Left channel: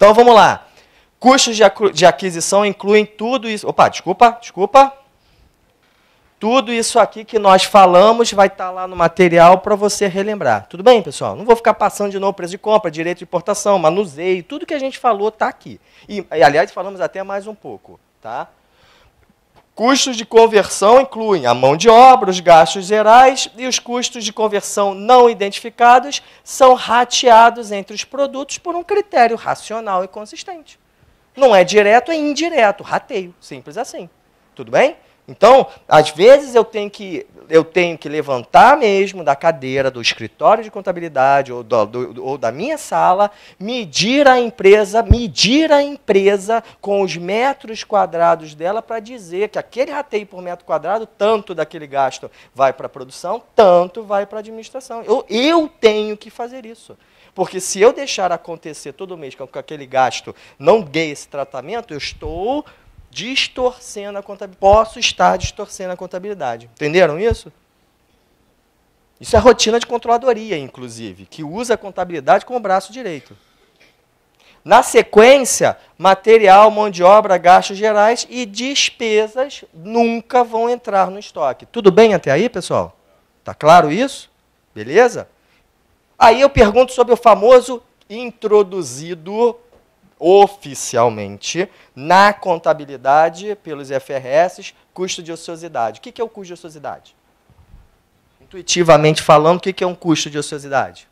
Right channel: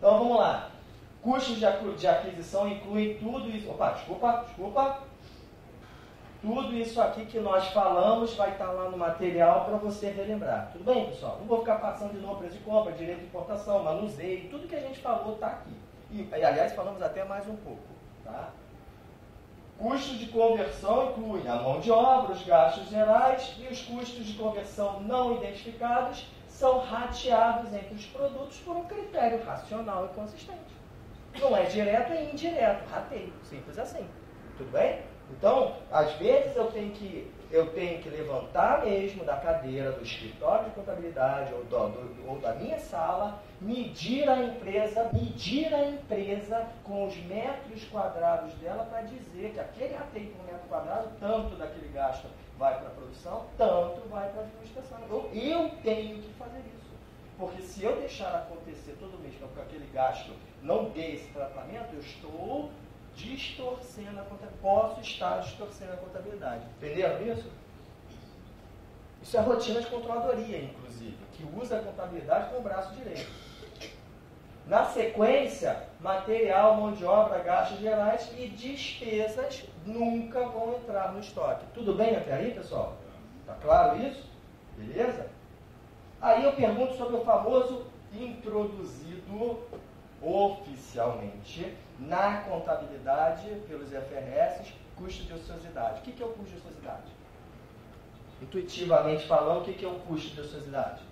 Então, vamos lá. Custos de aquisição incluem tudo isso... Opa, desculpa. Tudo isso aqui que nós falamos vai estar lá no material para você relembrar. Tudo bem, pessoal? Não vou ficar passando de novo preço de compra, direito de importação, manuseio, tudo que a gente falou está aqui. E, aliás, falamos até mais um pouco. Tá? Custos de conversão incluem a mão de obra, os gastos gerais e os custos de conversão não identificados são rateados entre os produtos por um critério racional e consistente. Não é direto, é indireto, rateio, simples assim. Tudo bem? Então, às vezes eu tenho que levantar mesmo da cadeira do escritório de contabilidade ou da minha sala, medir a empresa com os metros quadrados dela para dizer que aquele rateio por metro quadrado, tanto daquele gasto vai para a produção, tanto vai para a administração. Eu tenho que fazer isso. Porque se eu deixar acontecer todo mês com aquele gasto não dê esse tratamento, eu estou distorcendo a contabilidade. Posso estar distorcendo a contabilidade. Entenderam isso? Isso é rotina de controladoria, inclusive, que usa a contabilidade como braço direito. Na sequência, material, mão de obra, gastos gerais e despesas nunca vão entrar no estoque. Tudo bem até aí, pessoal? Está claro isso? Beleza? Aí eu pergunto sobre o famoso introduzido oficialmente na contabilidade pelos IFRS, custo de ociosidade. O que é o custo de ociosidade? Intuitivamente falando, o que é um custo de ociosidade?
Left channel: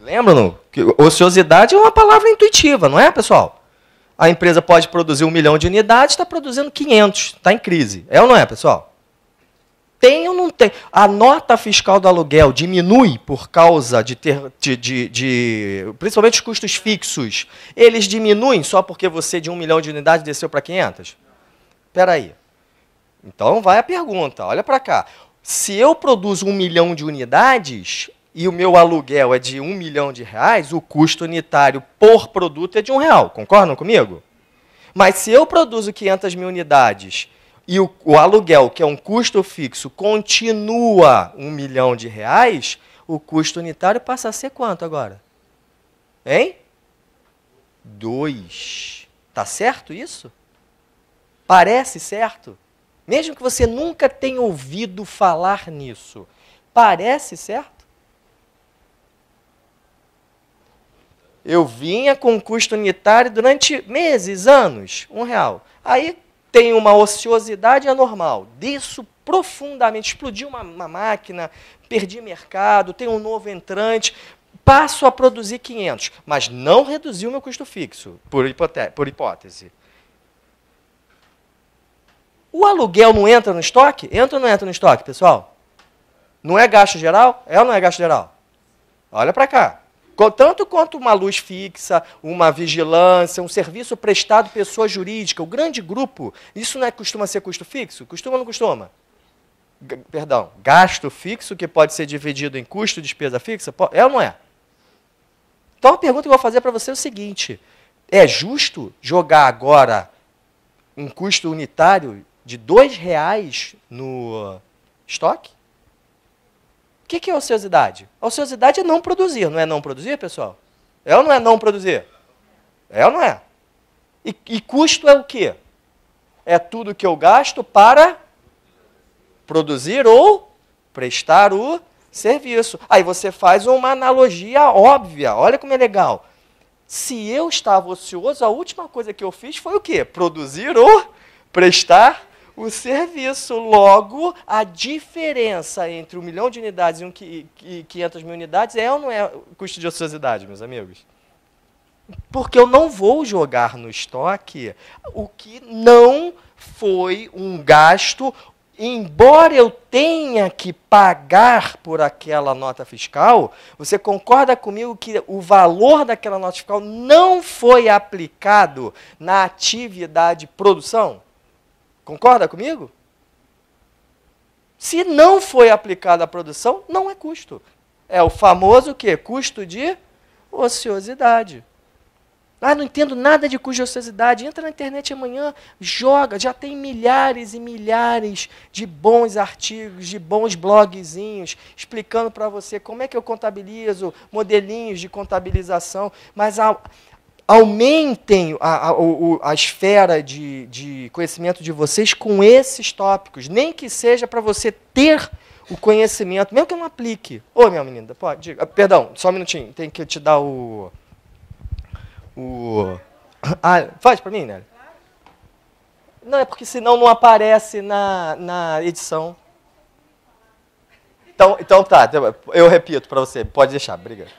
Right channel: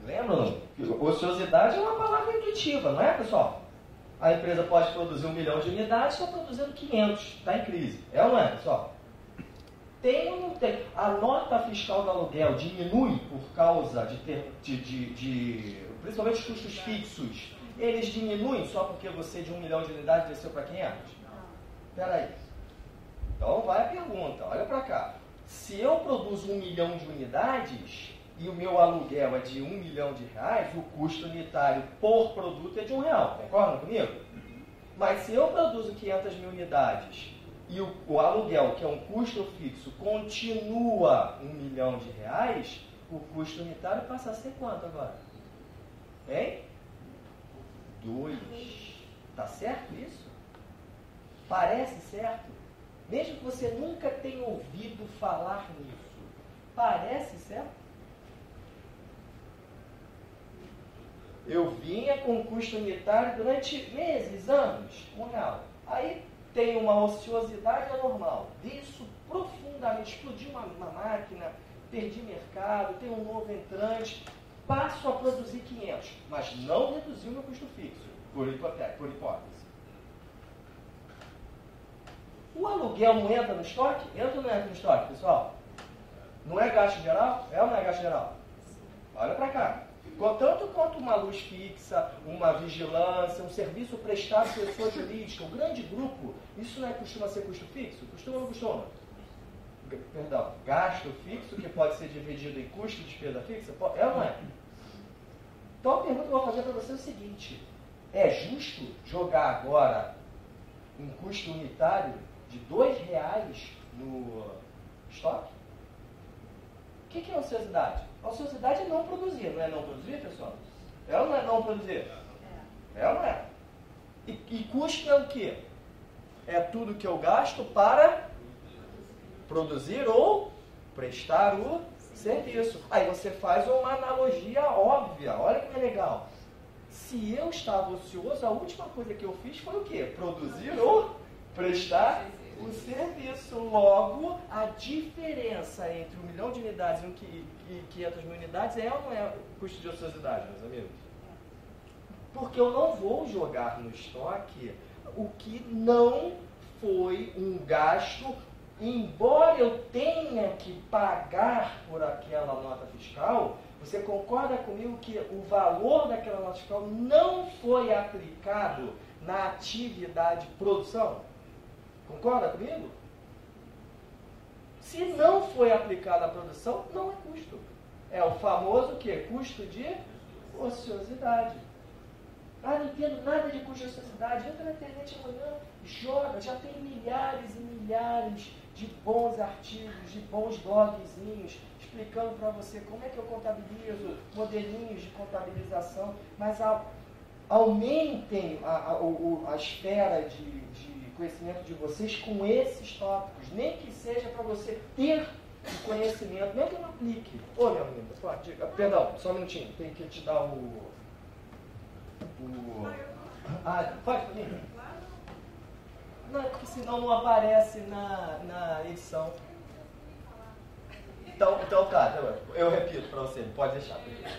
Lembram? Ociosidade é uma palavra intuitiva, não é, pessoal? A empresa pode produzir 1 milhão de unidades, está produzindo 500, está em crise. É ou não é, pessoal? Tem ou não tem? A nota fiscal do aluguel diminui por causa principalmente os custos fixos. Eles diminuem só porque você de 1 milhão de unidades desceu para 500? Espera aí. Então vai a pergunta, olha para cá. Se eu produzo 1 milhão de unidades e o meu aluguel é de 1 milhão de reais, o custo unitário por produto é de R$1. Concordam comigo? Mas se eu produzo 500 mil unidades e o aluguel, que é um custo fixo, continua 1 milhão de reais, o custo unitário passa a ser quanto agora? Hein? 2. Tá certo isso? Parece certo? Mesmo que você nunca tenha ouvido falar nisso, parece certo? Eu vinha com custo unitário durante meses, anos, R$1. Aí tem uma ociosidade anormal, desço profundamente, explodiu uma máquina, perdi mercado, tem um novo entrante, passo a produzir 500, mas não reduzi o meu custo fixo, por hipótese. O aluguel não entra no estoque? Entra ou não entra no estoque, pessoal? Não é gasto geral? É ou não é gasto geral? Olha para cá. Tanto quanto uma luz fixa, uma vigilância, um serviço prestado pessoa jurídica, o grande grupo, isso não costuma ser custo fixo? Costuma ou não costuma? Perdão, gasto fixo que pode ser dividido em custo e despesa fixa? É ou não é? Então a pergunta que eu vou fazer para você é o seguinte, é justo jogar agora um custo unitário de R$2 no estoque? O que é ociosidade? A ociosidade é não produzir, não é não produzir, pessoal? É ou não é não produzir? É ou não é? E custo é o quê? É tudo que eu gasto para produzir ou prestar o serviço. Aí você faz uma analogia óbvia, olha como é legal. Se eu estava ocioso, a última coisa que eu fiz foi o quê? Produzir ou prestar o serviço. Logo, a diferença entre 1 milhão de unidades e 500 mil unidades é ou não é o custo de ociosidade, meus amigos? Porque eu não vou jogar no estoque o que não foi um gasto, embora eu tenha que pagar por aquela nota fiscal. Você concorda comigo que o valor daquela nota fiscal não foi aplicado na atividade produção? Concorda comigo? Se não foi aplicada a produção, não é custo. É o famoso o quê? Custo de ociosidade. Ah, não entendo nada de custo de ociosidade. Entra na internet amanhã, joga. Já tem milhares e milhares de bons artigos, de bons blogzinhos, explicando para você como é que eu contabilizo, modelinhos de contabilização. Mas aumentem a esfera de conhecimento de vocês com esses tópicos. Nem que seja para você ter o conhecimento, mesmo que eu não aplique. Ô, minha menina, pode? Perdão, só um minutinho. Tem que te dar faz para mim, né? Não, é porque senão não aparece na edição. Então tá, eu repito para você, pode deixar, obrigado.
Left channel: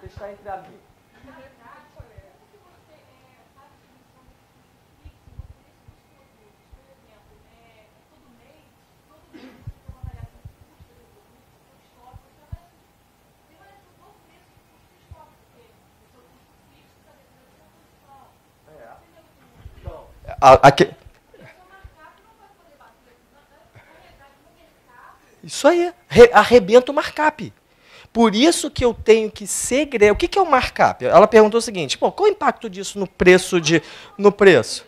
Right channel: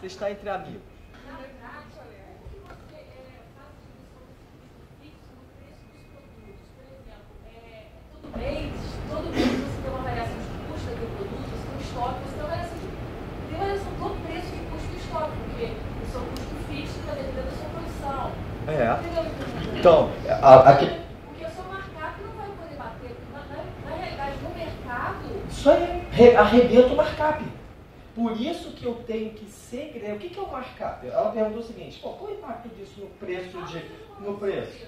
Você está entre amigos. Todo mês você tem uma variação de custo daquele produto, você tem um estoque, você tem variação do preço de custo do estoque, porque o seu custo fixo está dependendo da sua produção. Então, porque a sua markup não vai poder bater. Na realidade, no mercado... Isso aí, arrebenta o markup. Por isso que eu tenho que segregar. O que é o markup? Ela perguntou o seguinte, qual o impacto disso no preço?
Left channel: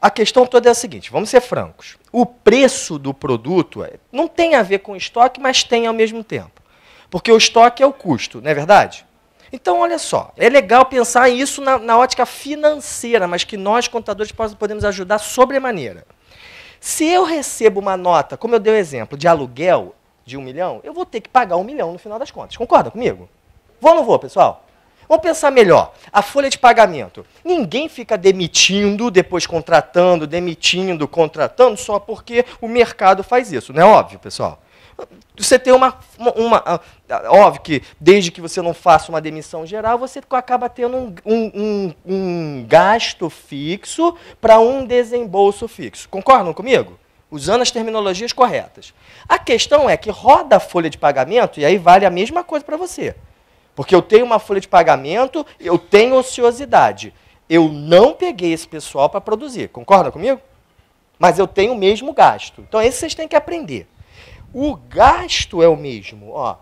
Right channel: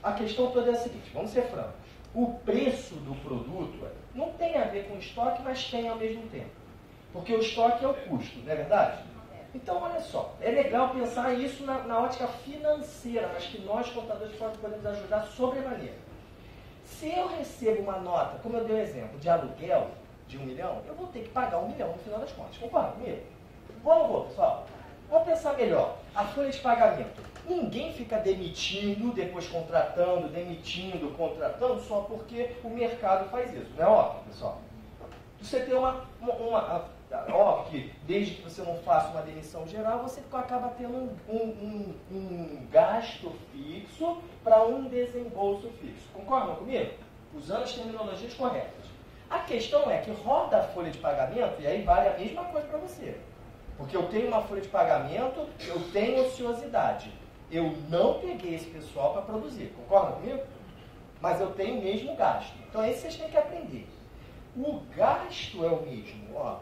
A questão toda é a seguinte, vamos ser francos. O preço do produto não tem a ver com estoque, mas tem ao mesmo tempo. Porque o estoque é o custo, não é verdade? Então, olha só, é legal pensar isso na ótica financeira, mas que nós, contadores, podemos ajudar sobremaneira. Se eu recebo uma nota, como eu dei o exemplo, de aluguel de 1 milhão, eu vou ter que pagar 1 milhão no final das contas. Concorda comigo? Vou ou não vou, pessoal? Vamos pensar melhor. A folha de pagamento. Ninguém fica demitindo, depois contratando, demitindo, contratando, só porque o mercado faz isso. Não é óbvio, pessoal? Você tem óbvio que, desde que você não faça uma demissão geral, você acaba tendo um gasto fixo para um desembolso fixo. Concordam comigo? Usando as terminologias corretas. A questão é que roda a folha de pagamento, e aí vale a mesma coisa para você. Porque eu tenho uma folha de pagamento, eu tenho ociosidade. Eu não peguei esse pessoal para produzir. Concordam comigo? Mas eu tenho o mesmo gasto. Então, esse vocês têm que aprender. O gasto é o mesmo, ó.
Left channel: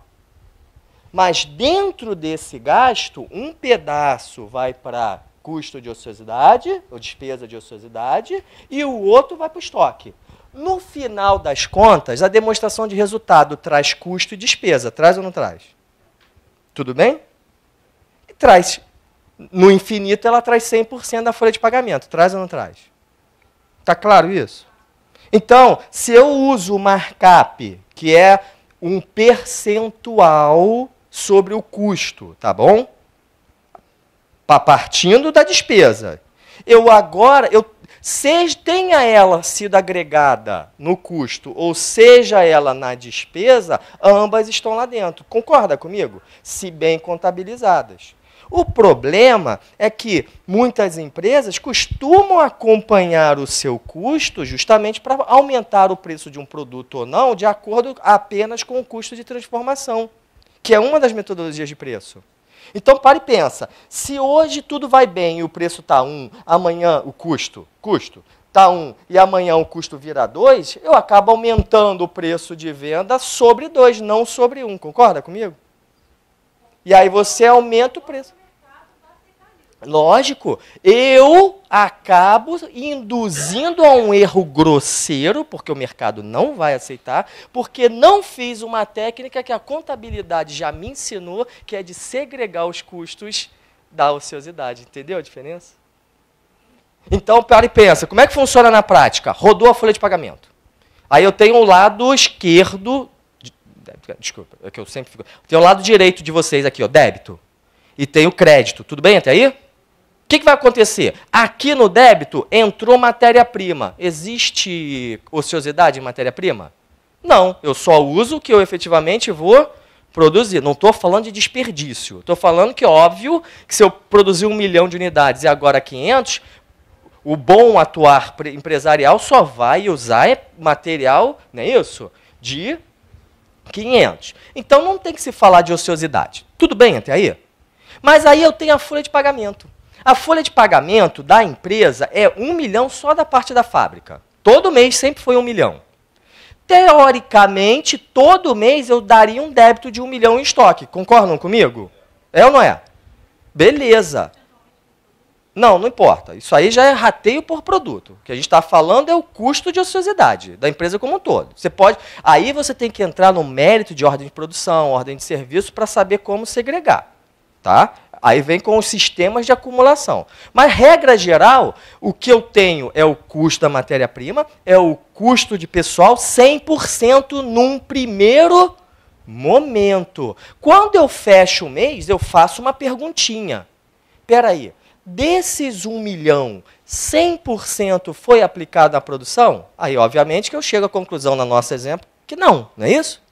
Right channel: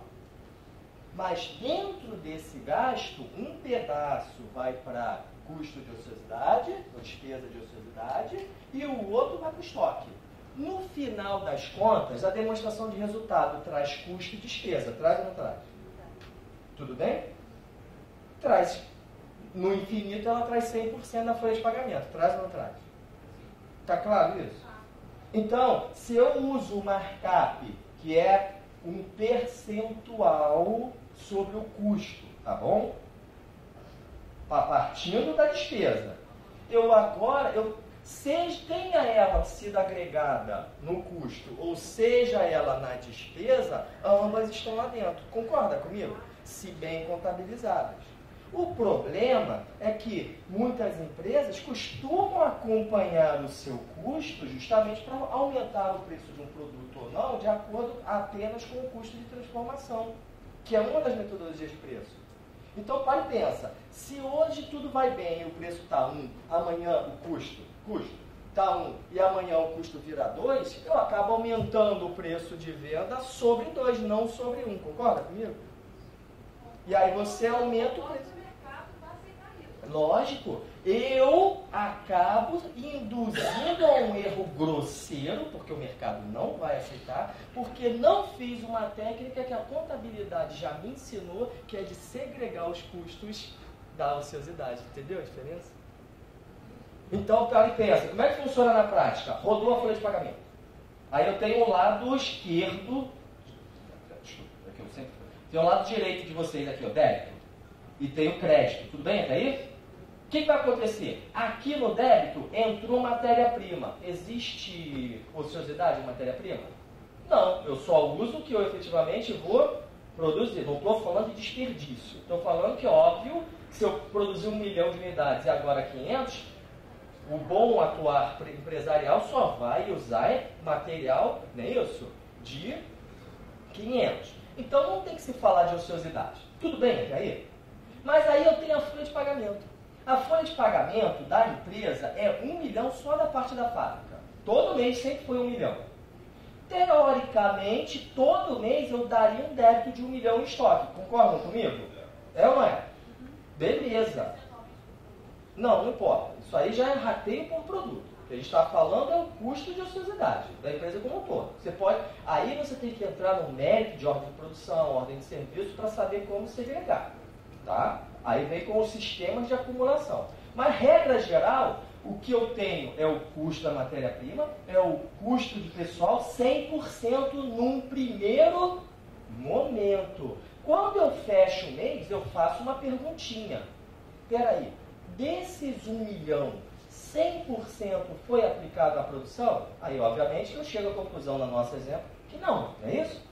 Mas dentro desse gasto, um pedaço vai para custo de ociosidade, ou despesa de ociosidade, e o outro vai para o estoque. No final das contas, a demonstração de resultado traz custo e despesa. Traz ou não traz? Tudo bem? Traz. No infinito, ela traz 100% da folha de pagamento. Traz ou não traz? Está claro isso? Então, se eu uso o markup, que é um percentual sobre o custo, tá bom? Partindo da despesa. Tenha ela sido agregada no custo, ou seja ela na despesa, ambas estão lá dentro. Concorda comigo? Se bem contabilizadas. O problema é que muitas empresas costumam acompanhar o seu custo justamente para aumentar o preço de um produto ou não, de acordo apenas com o custo de transformação, que é uma das metodologias de preço. Então, para e pensa, se hoje tudo vai bem e o preço está 1, amanhã o custo está 1 e amanhã o custo vira 2, eu acabo aumentando o preço de venda sobre 2, não sobre 1. Concorda comigo? E aí você aumenta o preço. Lógico, eu acabo induzindo a um erro grosseiro, porque o mercado não vai aceitar, porque não fiz uma técnica que a contabilidade já me ensinou, que é de segregar os custos da ociosidade. Entendeu a diferença? Então, para e pensa, como é que funciona na prática? Rodou a folha de pagamento. Aí eu tenho o lado esquerdo, desculpa, é que eu sempre fico, tenho o lado direito de vocês aqui, ó, débito, e tenho crédito. Tudo bem até aí? O que vai acontecer? Aqui no débito entrou matéria-prima. Existe ociosidade em matéria-prima? Não, eu só uso o que eu efetivamente vou produzir. Não estou falando de desperdício. Estou falando que, óbvio, que se eu produzir 1 milhão de unidades e agora 500, o bom atuar empresarial só vai usar material, não é isso? De 500. Então, não tem que se falar de ociosidade. Tudo bem até aí? Mas aí eu tenho a folha de pagamento. A folha de pagamento da empresa é 1 milhão só da parte da fábrica. Todo mês sempre foi 1 milhão. teoricamente, todo mês eu daria um débito de 1 milhão em estoque. Concordam comigo? É ou não é? Beleza. Não, não importa. Isso aí já é rateio por produto. O que a gente está falando é o custo de ociosidade da empresa como um todo. Você pode, aí você tem que entrar no mérito de ordem de produção, ordem de serviço, para saber como segregar. Tá? Aí vem com os sistemas de acumulação. Mas, regra geral, o que eu tenho é o custo da matéria-prima, é o custo de pessoal 100% num primeiro momento. Quando eu fecho o mês, eu faço uma perguntinha. Espera aí, desses 1 milhão, 100% foi aplicado à produção? Aí, obviamente, que eu chego à conclusão, no nosso exemplo, que não é isso?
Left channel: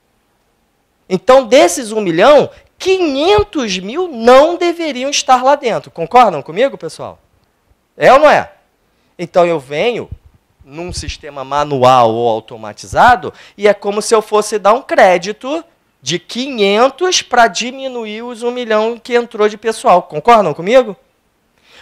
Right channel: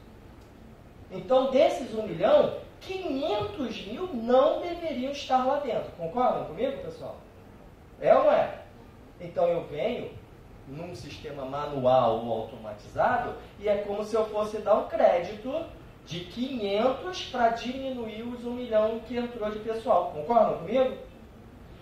Então, desses 1 milhão, 500 mil não deveriam estar lá dentro. Concordam comigo, pessoal? É ou não é? Então, eu venho num sistema manual ou automatizado e é como se eu fosse dar um crédito de 500 para diminuir os 1 milhão que entrou de pessoal. Concordam comigo?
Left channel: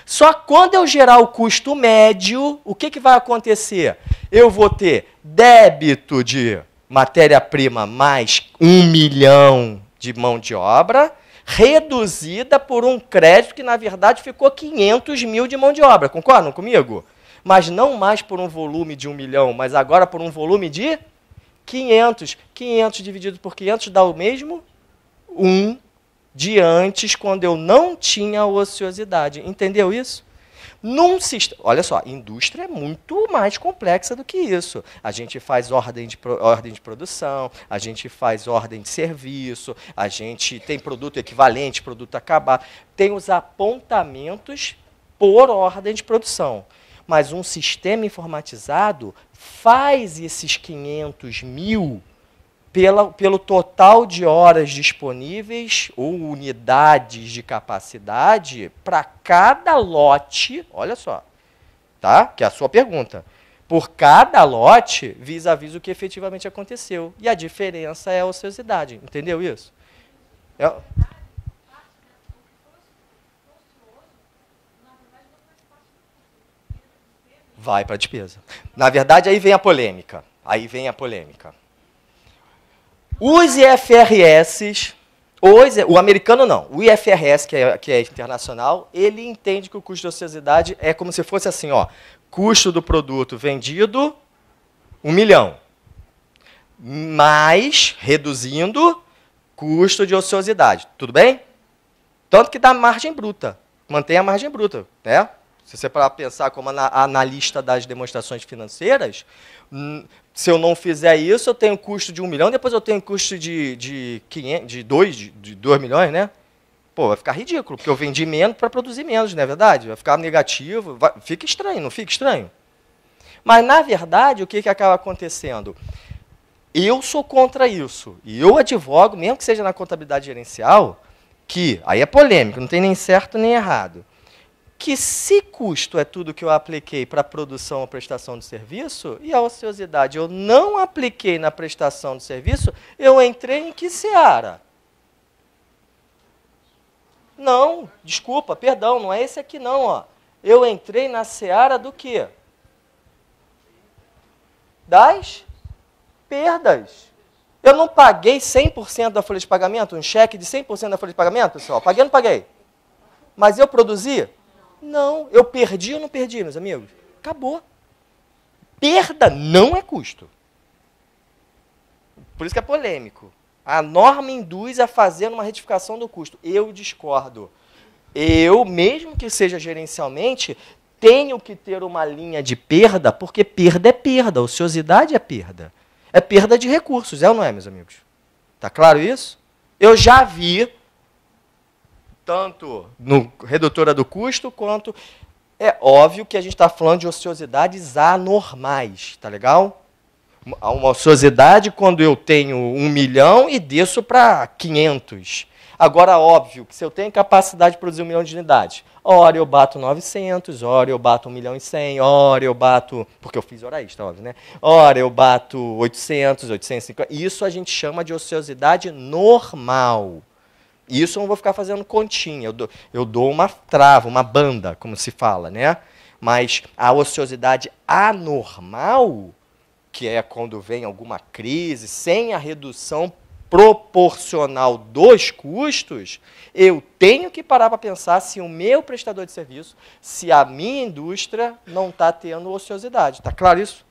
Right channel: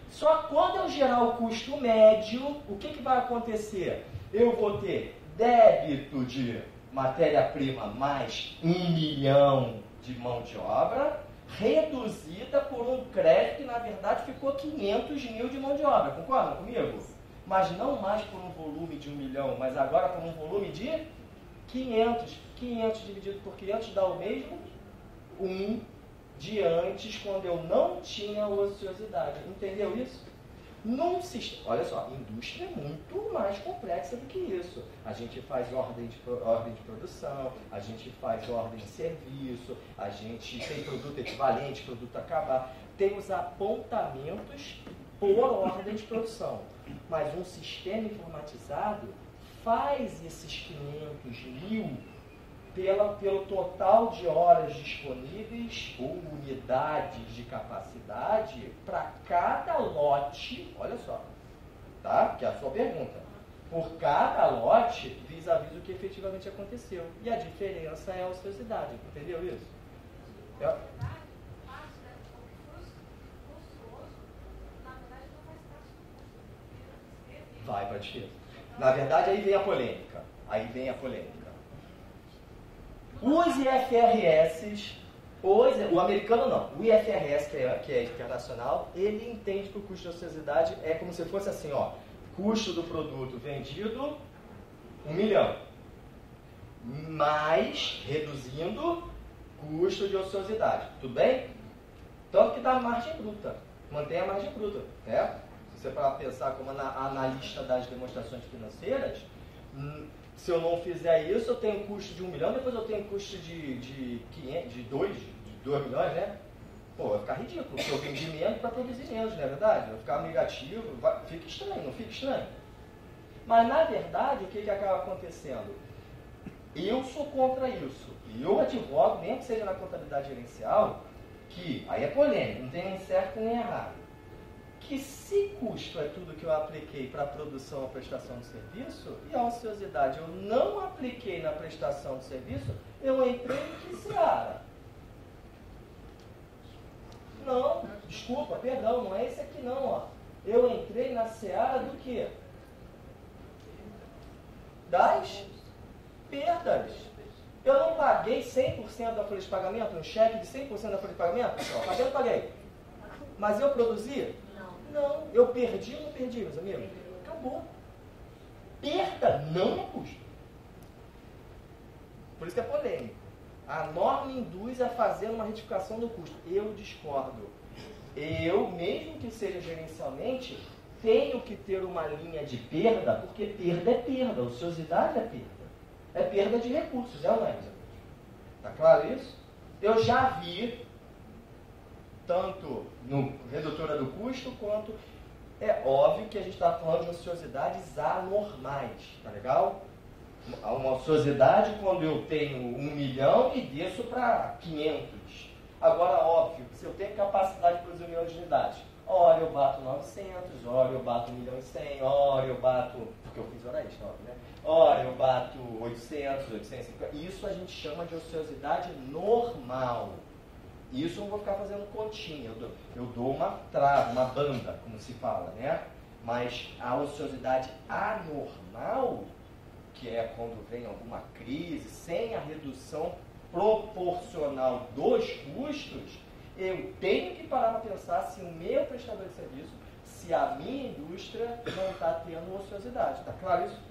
Só quando eu gerar o custo médio, o que vai acontecer? Eu vou ter débito de matéria-prima mais 1 milhão de mão de obra, reduzida por um crédito que, na verdade, ficou 500 mil de mão de obra. Concordam comigo? Mas não mais por um volume de 1 milhão, mas agora por um volume de 500. 500 dividido por 500 dá o mesmo 1 de antes, quando eu não tinha ociosidade. Entendeu isso? Num sistema, olha só, indústria é muito mais complexa do que isso. A gente faz ordem de produção, a gente faz ordem de serviço, a gente tem produto equivalente, produto acabado, tem os apontamentos por ordem de produção. Mas um sistema informatizado faz esses 500 mil pelo total de horas disponíveis ou unidades de capacidade para cada lote, olha só, tá? Que é a sua pergunta. Por cada lote, vis-à-vis o que efetivamente aconteceu. E a diferença é a ociosidade. Entendeu isso? Vai para a despesa. Na verdade, aí vem a polêmica. Os IFRS, o americano não, o IFRS, que é internacional, ele entende que o custo de ociosidade é como se fosse assim, ó, custo do produto vendido, 1 milhão, mais, reduzindo, custo de ociosidade. Tudo bem? Tanto que dá margem bruta, mantém a margem bruta. Né? Se você parar para pensar como analista das demonstrações financeiras, se eu não fizer isso, eu tenho custo de 1 milhão, depois eu tenho custo de 2 milhões, né? Pô, vai ficar ridículo, porque eu vendi menos para produzir menos, não é verdade? Vai ficar negativo, fica estranho, não fica estranho? Mas, na verdade, o que acaba acontecendo? Eu sou contra isso, e eu advogo, mesmo que seja na contabilidade gerencial, que, aí é polêmico, não tem nem certo nem errado, que se custo é tudo que eu apliquei para a produção ou prestação de serviço, e a ociosidade eu não apliquei na prestação de serviço, eu entrei em que seara? Não, desculpa, perdão, não é esse aqui não. Ó. Eu entrei na seara do quê? Das perdas. Eu não paguei 100% da folha de pagamento, um cheque de 100% da folha de pagamento, pessoal? Paguei ou não paguei? Mas eu produzi? Não. Eu perdi ou não perdi, meus amigos? Acabou. Perda não é custo. Por isso que é polêmico. A norma induz a fazer uma retificação do custo. Eu discordo. Eu, mesmo que seja gerencialmente, tenho que ter uma linha de perda, porque perda é perda, ociosidade é perda. É perda de recursos, é ou não é, meus amigos? Está claro isso? Eu já vi, tanto no redutora do custo, quanto... É óbvio que a gente está falando de ociosidades anormais, tá legal? Uma ociosidade quando eu tenho 1 milhão e desço para 500. Agora, óbvio que se eu tenho capacidade de produzir 1 milhão de unidades, ora eu bato 900, ora eu bato 1 milhão e 100, ora eu bato... Porque eu fiz hora extra, óbvio, né? Ora eu bato 800, 850. Isso a gente chama de ociosidade normal. Isso eu não vou ficar fazendo continha. Eu dou uma trava, uma banda, como se fala, né? Mas a ociosidade anormal, que é quando vem alguma crise, sem a redução proporcional dos custos, eu tenho que parar para pensar se o meu prestador de serviço, se a minha indústria não está tendo ociosidade. Está claro isso?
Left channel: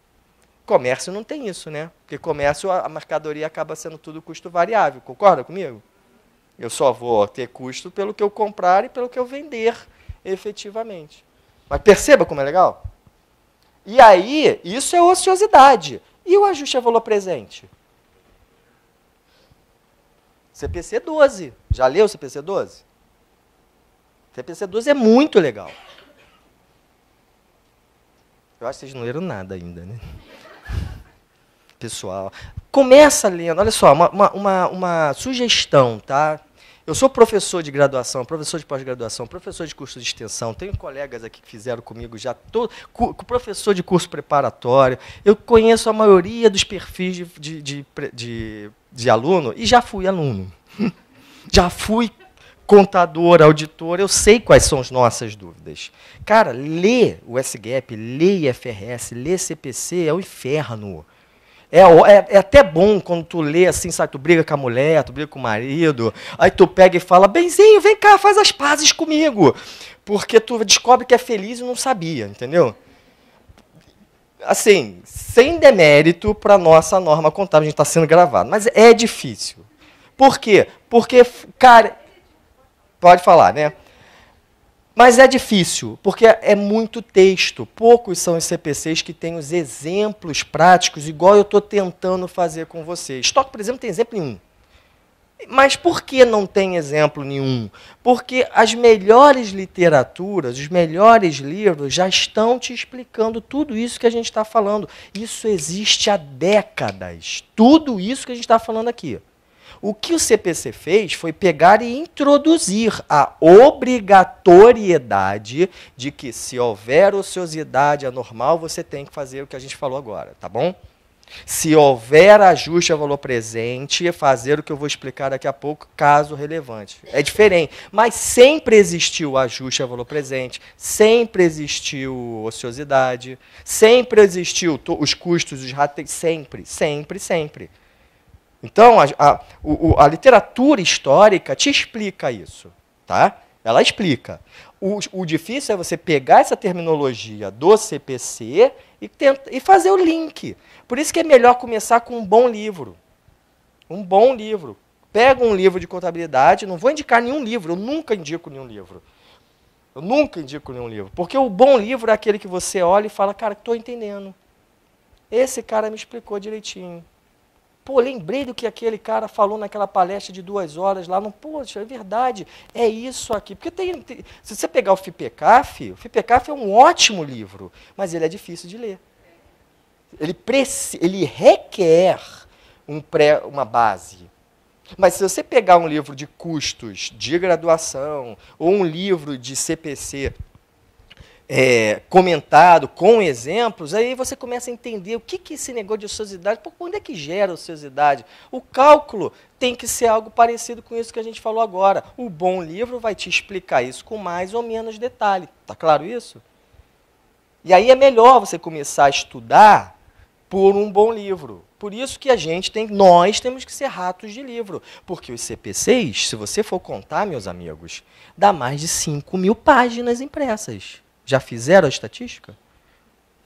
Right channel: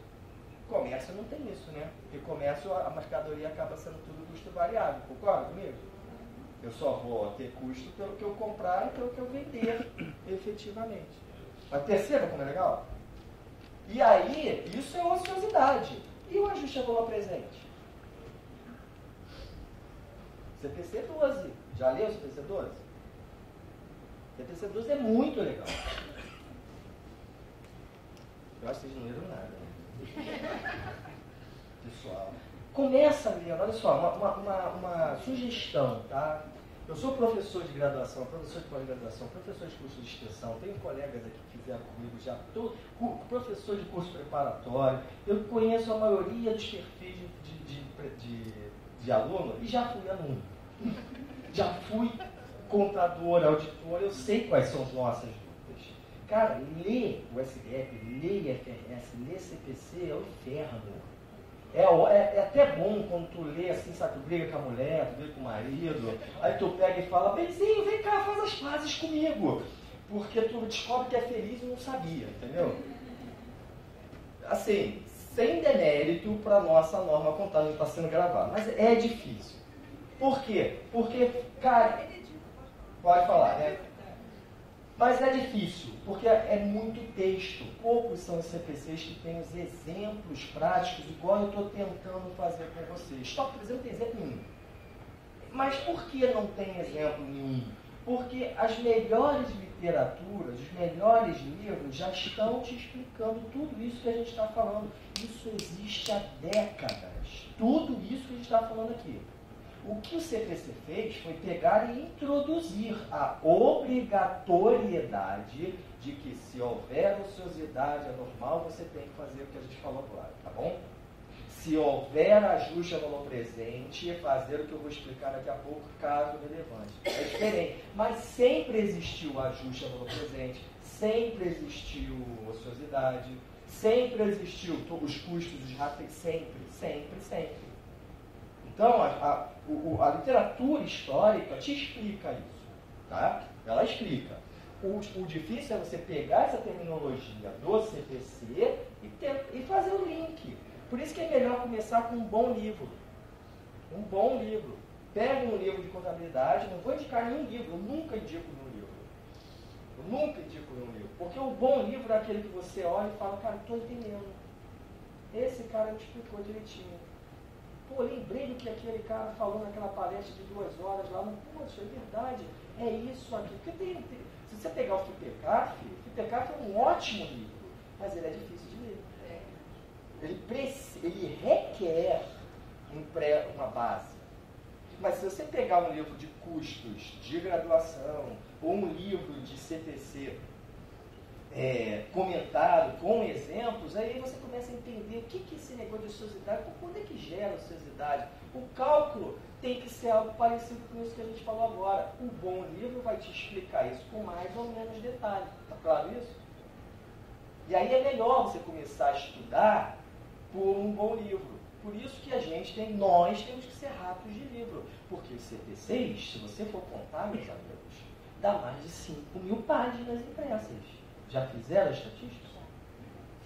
Comércio não tem isso, né? Porque comércio, a mercadoria acaba sendo tudo custo variável. Concorda comigo? Eu só vou ter custo pelo que eu comprar e pelo que eu vender efetivamente. Mas perceba como é legal? E aí, isso é ociosidade. E o ajuste a valor presente? CPC 12. Já leu o CPC 12? CPC 12 é muito legal. Eu acho que vocês não leram nada ainda, né? Pessoal, começa lendo. Olha só, uma sugestão, tá? Eu sou professor de graduação, professor de pós-graduação, professor de curso de extensão, tenho colegas aqui que fizeram comigo já, professor de curso preparatório, eu conheço a maioria dos perfis de aluno e já fui aluno. Já fui contador, auditor, eu sei quais são as nossas dúvidas. Cara, lê o SGAP, lê IFRS, lê CPC, é o inferno. É até bom quando tu lê assim, sabe, tu briga com a mulher, tu briga com o marido, aí tu pega e fala, benzinho, vem cá, faz as pazes comigo. Porque tu descobre que é feliz e não sabia, entendeu? Assim, sem demérito para a nossa norma contábil, a gente está sendo gravado, mas é difícil. Por quê? Porque, cara, pode falar, né? Mas é difícil, porque é muito texto. Poucos são os CPCs que têm os exemplos práticos, igual eu estou tentando fazer com você. Estoque, por exemplo, tem exemplo nenhum. Mas por que não tem exemplo nenhum? Porque as melhores literaturas, os melhores livros já estão te explicando tudo isso que a gente está falando. Isso existe há décadas. Tudo isso que a gente está falando aqui. O que o CPC fez foi pegar e introduzir a obrigatoriedade de que, se houver ociosidade anormal, você tem que fazer o que a gente falou agora, tá bom? Se houver ajuste a valor presente, fazer o que eu vou explicar daqui a pouco, caso relevante. É diferente, mas sempre existiu ajuste a valor presente, sempre existiu ociosidade, sempre existiu os custos, os ratos, sempre, sempre, sempre. Então, a literatura histórica te explica isso, tá? Ela explica. O difícil é você pegar essa terminologia do CPC e fazer o link. Por isso que é melhor começar com um bom livro. Um bom livro. Pega um livro de contabilidade, não vou indicar nenhum livro, eu nunca indico nenhum livro. Eu nunca indico nenhum livro. Porque o bom livro é aquele que você olha e fala, cara, estou entendendo. Esse cara me explicou direitinho. Pô, lembrei do que aquele cara falou naquela palestra de 2 horas lá. Não, poxa, é verdade, é isso aqui. Porque se você pegar o FIPECAF é um ótimo livro, mas ele é difícil de ler. Ele requer uma base. Mas se você pegar um livro de custos de graduação ou um livro de CPC comentado, com exemplos, aí você começa a entender o que esse negócio de ociosidade, quando é que gera ociosidade? O cálculo tem que ser algo parecido com isso que a gente falou agora. O bom livro vai te explicar isso com mais ou menos detalhe. Está claro isso? E aí é melhor você começar a estudar por um bom livro. Por isso que nós temos que ser ratos de livro. Porque os CPCs, se você for contar, meus amigos, dá mais de 5.000 páginas impressas. Já fizeram a estatística?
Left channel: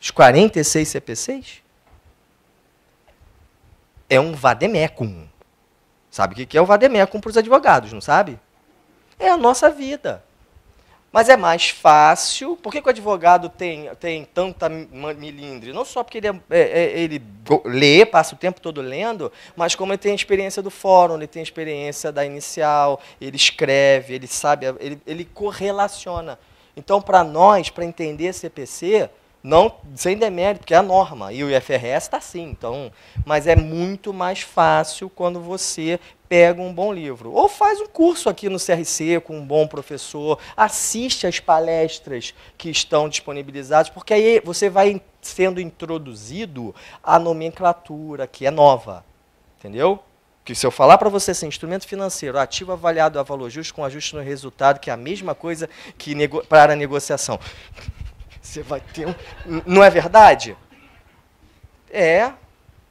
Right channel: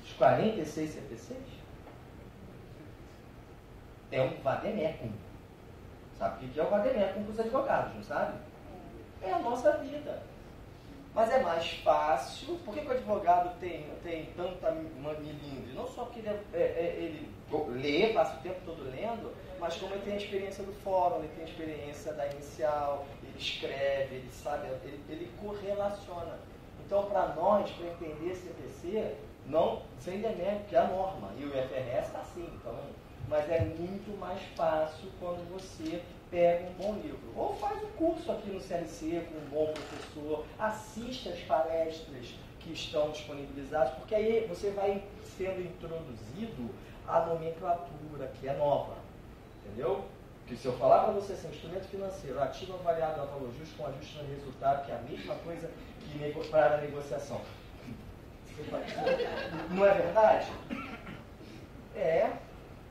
Os 46 CPCs? É um vademecum. Sabe o que é o vademecum para os advogados, não sabe? É a nossa vida. Mas é mais fácil. Por que o advogado tem tanta milindre? Não só porque ele lê, passa o tempo todo lendo, mas como ele tem a experiência do fórum, ele tem a experiência da inicial, ele escreve, ele sabe, ele correlaciona. Então, para nós, para entender CPC, não, sem demérito, porque é a norma, e o IFRS está assim. Então, mas é muito mais fácil quando você pega um bom livro. Ou faz um curso aqui no CRC com um bom professor, assiste às palestras que estão disponibilizadas, porque aí você vai sendo introduzido à nomenclatura, que é nova. Entendeu? Que se eu falar para você assim, instrumento financeiro, ativo avaliado a valor justo com ajuste no resultado, que é a mesma coisa que para a negociação. Você vai ter Não é verdade?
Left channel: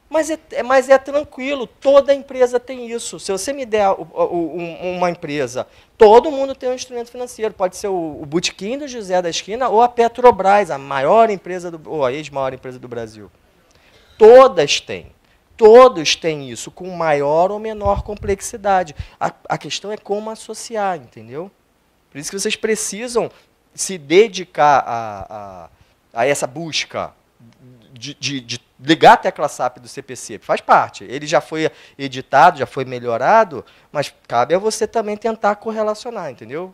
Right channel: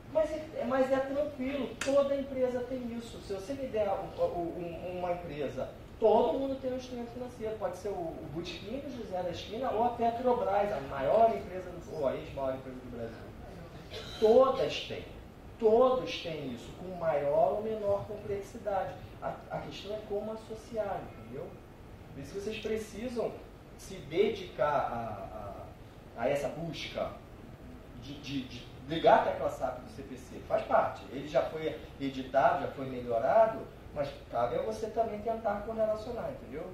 Mas é tranquilo, toda empresa tem isso. Se você me der uma empresa, todo mundo tem um instrumento financeiro. Pode ser o Botequim do José da esquina ou a Petrobras, a maior empresa, ou a ex-maior empresa do Brasil. Todas têm. Todos têm isso, com maior ou menor complexidade. A questão é como associar, entendeu? Por isso que vocês precisam se dedicar a essa busca de ligar a tecla SAP do CPC. Faz parte. Ele já foi editado, já foi melhorado, mas cabe a você também tentar correlacionar, entendeu?